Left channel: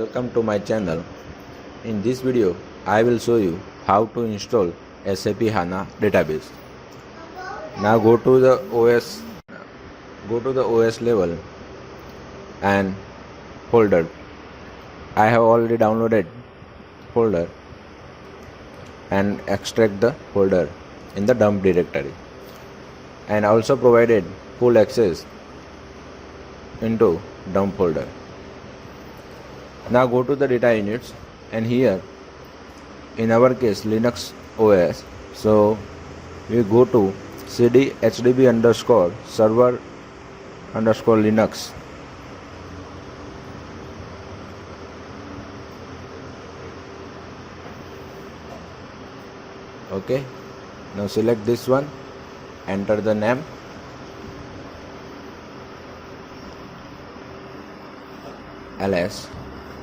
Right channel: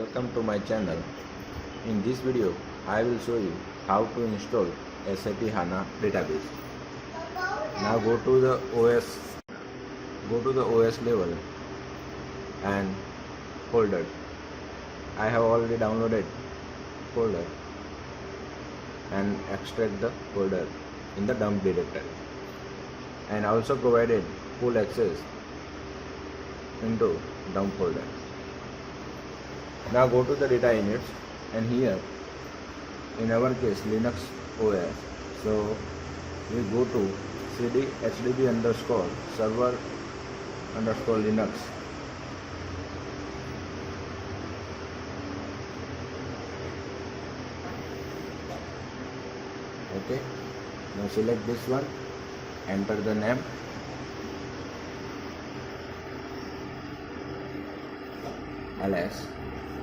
Welcome to my channel. In this video, I will show you how to install SAP HANA database. Now go to the OS level and folder. I have already downloaded folder and extract the folder in the dump directory, and also provided full access into dump folder. Now go to the data units, and here in our case Linux OS, so we go to cd hdb underscore server underscore Linux. Okay, now select this one, enter the name, ls.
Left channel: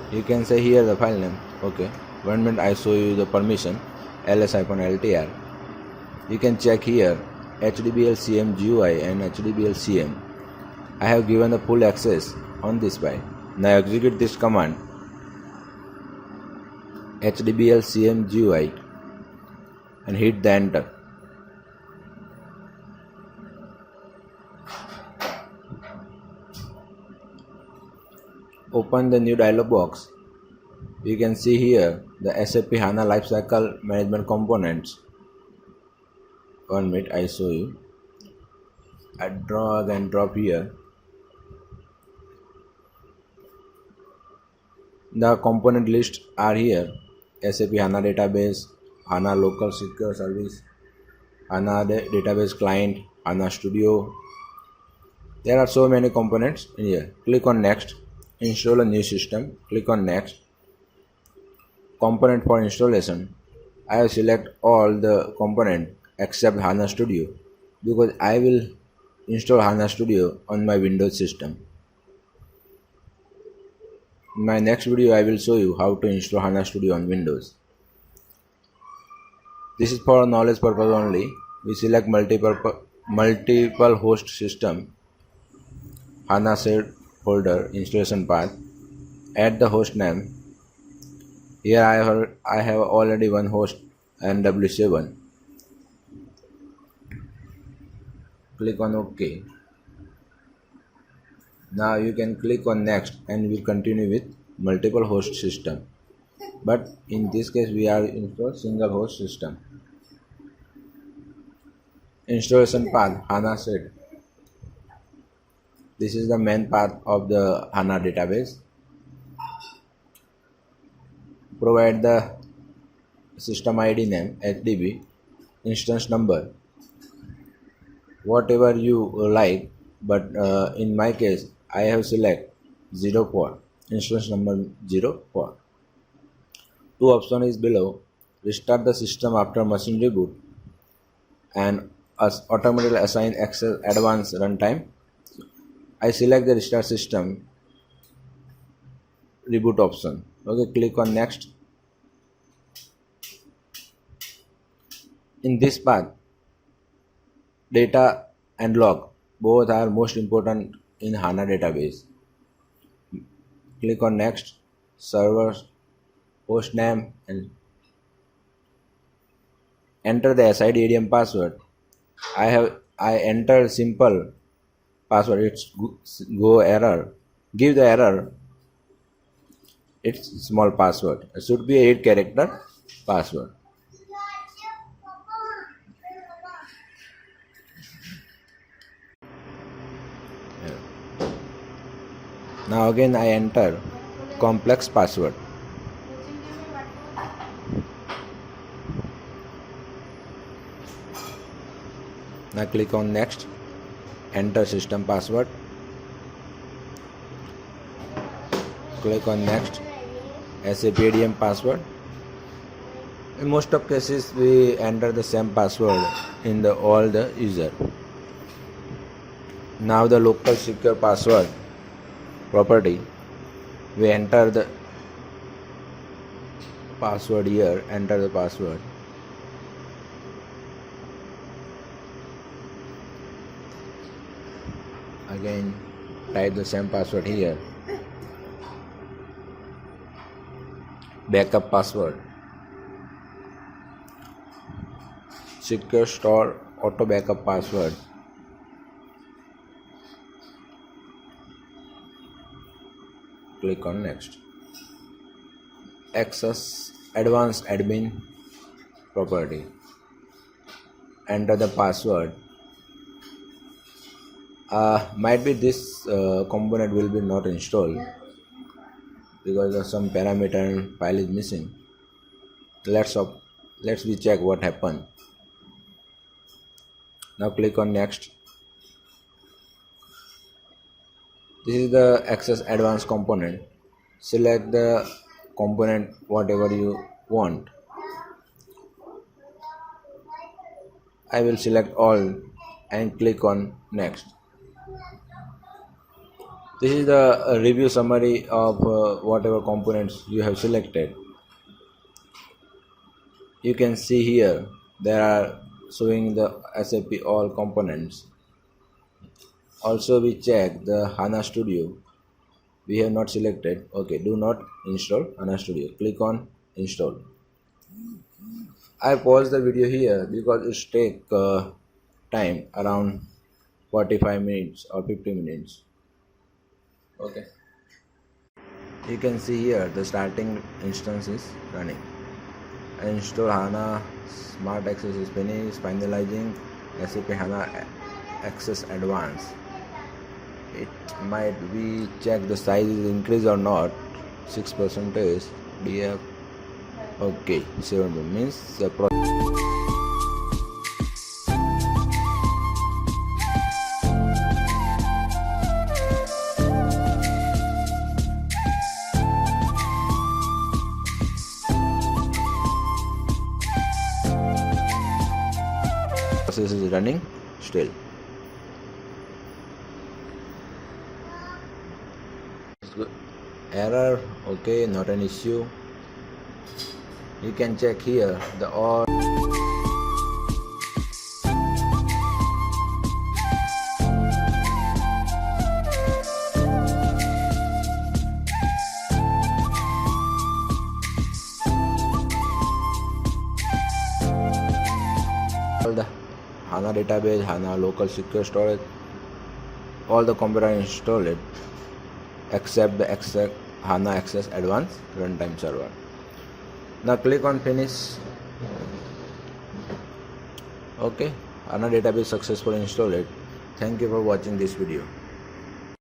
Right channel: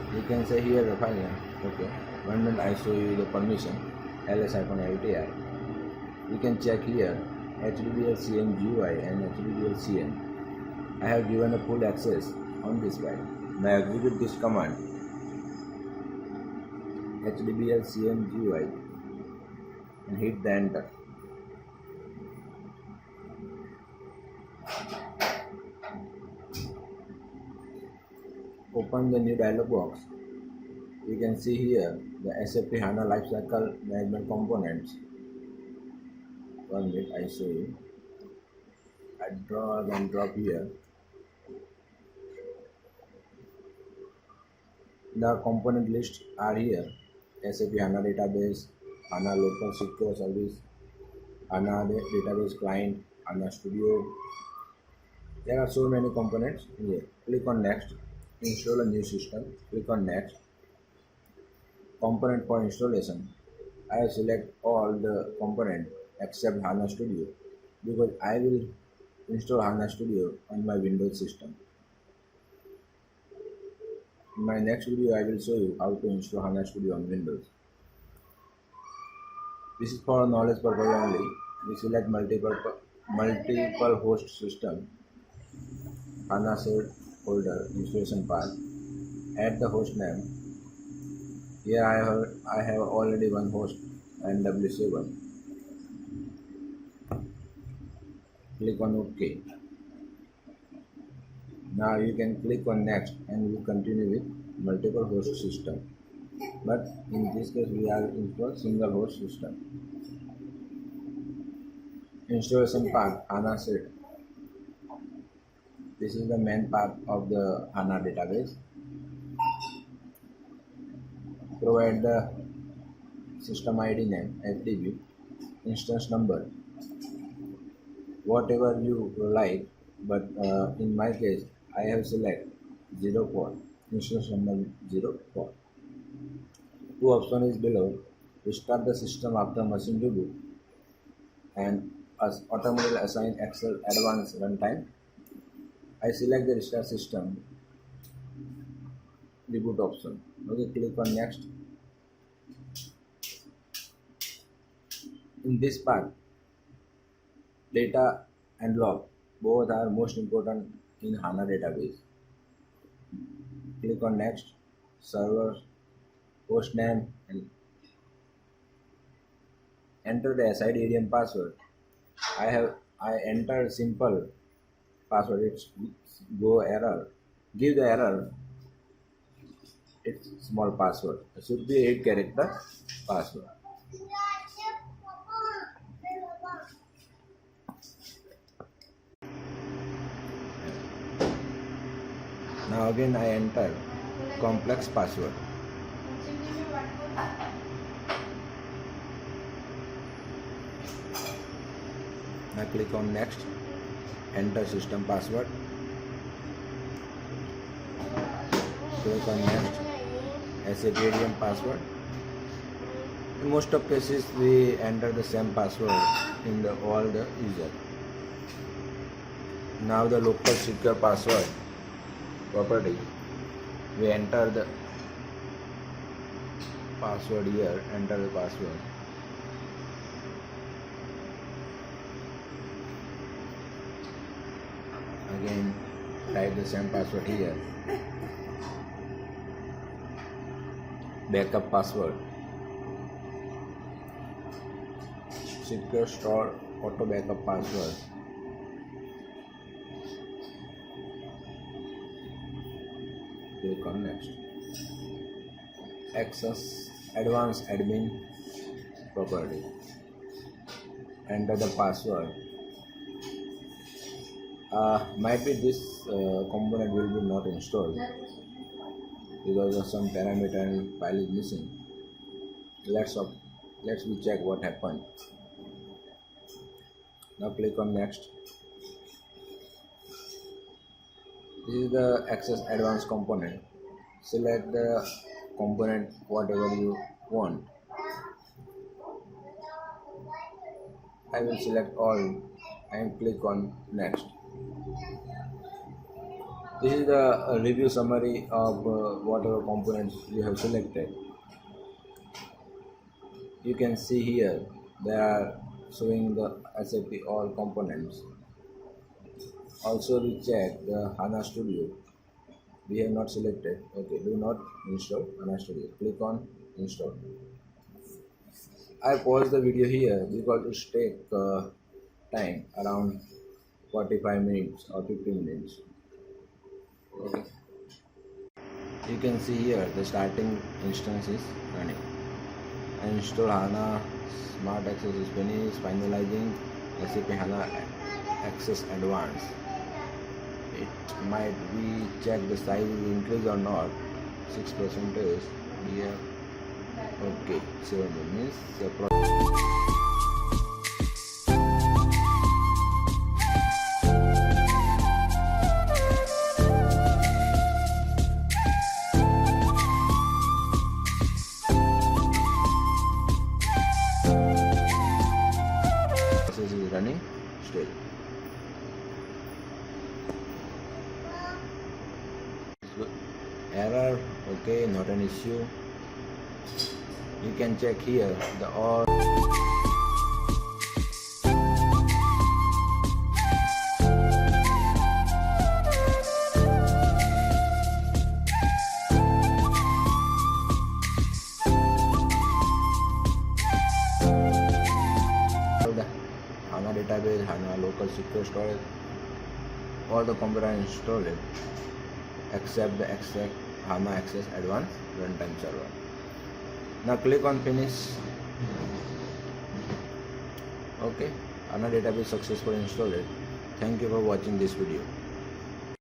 You can say here the file name. Okay, 1 minute, I show you the permission, ls-ltr. You can check here hdbl cm GUI and hdbl cm. I have given the full access on this file. Now execute this command, hdbl cm GUI, and hit the enter. Open the new dialog box. You can see here the SAP HANA Lifecycle Management components. 1 minute, I show you. I drag and drop here. The component list are here: SAP HANA Database, HANA Local Secure Service, HANA Database Client, HANA Studio. There are so many components in here. Click on Next. Install a new system. Click on Next. Component for installation. I will select all the component except HANA Studio, because I will install HANA Studio on my Windows system. In my next video, I will show you how to install HANA Studio on Windows. This is for knowledge purpose only. We select multiple host system, HANA shared folder, installation path, add the host name. Here I have already one host, NW7. Click on OK. Now you can click on Next, and we continue with multiple host system. But in this case we are install single host system. Installation path, HANA shared. This is the main path of the HANA database. Provide the system ID name, HDB, instance number, whatever you like, but in my case I have select 04, instance number 04. Two option is below: restart the system after machine reboot, and automatically assign Excel advanced runtime. I select the restart system reboot option. Okay, click on Next. In this path, data and log both are most important in HANA database. Click on Next. Server, host name, and enter the SID password. I entered simple password. It's go error. Give the error. It's small password. It should be a 8-character password. Now again I enter complex password. Now click on Next. Enter system password. Click on Next. SAP ADM password. In most of cases we enter the same password in all the user. Now the local secure password property, we enter the password here. Enter the password. Again type the same password here. backup password, secure store auto backup password. Click on next. Access advanced admin property. Enter the password. Might be this component will be not installed because of some parameter and file is missing. Let's we check what happened. Now click on next. This is the access advanced component. Select the component whatever you want. I will select all and click on next. This is the review summary of whatever components you have selected. You can see here there are showing the SAP all components. Also we check the HANA Studio. We have not selected. Okay, do not install HANA Studio. Click on install. I pause the video here because it take time around 45 minutes or 50 minutes. Okay, you can see here the starting instance is running. Install HANA Smart Access is finished. Finalizing SAP HANA Access Advanced. It might be check the size is increased or not. 6% DF. Okay, 7 means the process is running still. Error, okay, not an issue. You can check here the all the HANA database, HANA local secure storage, all the components installed except the HANA Access Advanced Runtime Server. Now click on finish. Okay, HANA database successfully installed. Thank you for watching this video.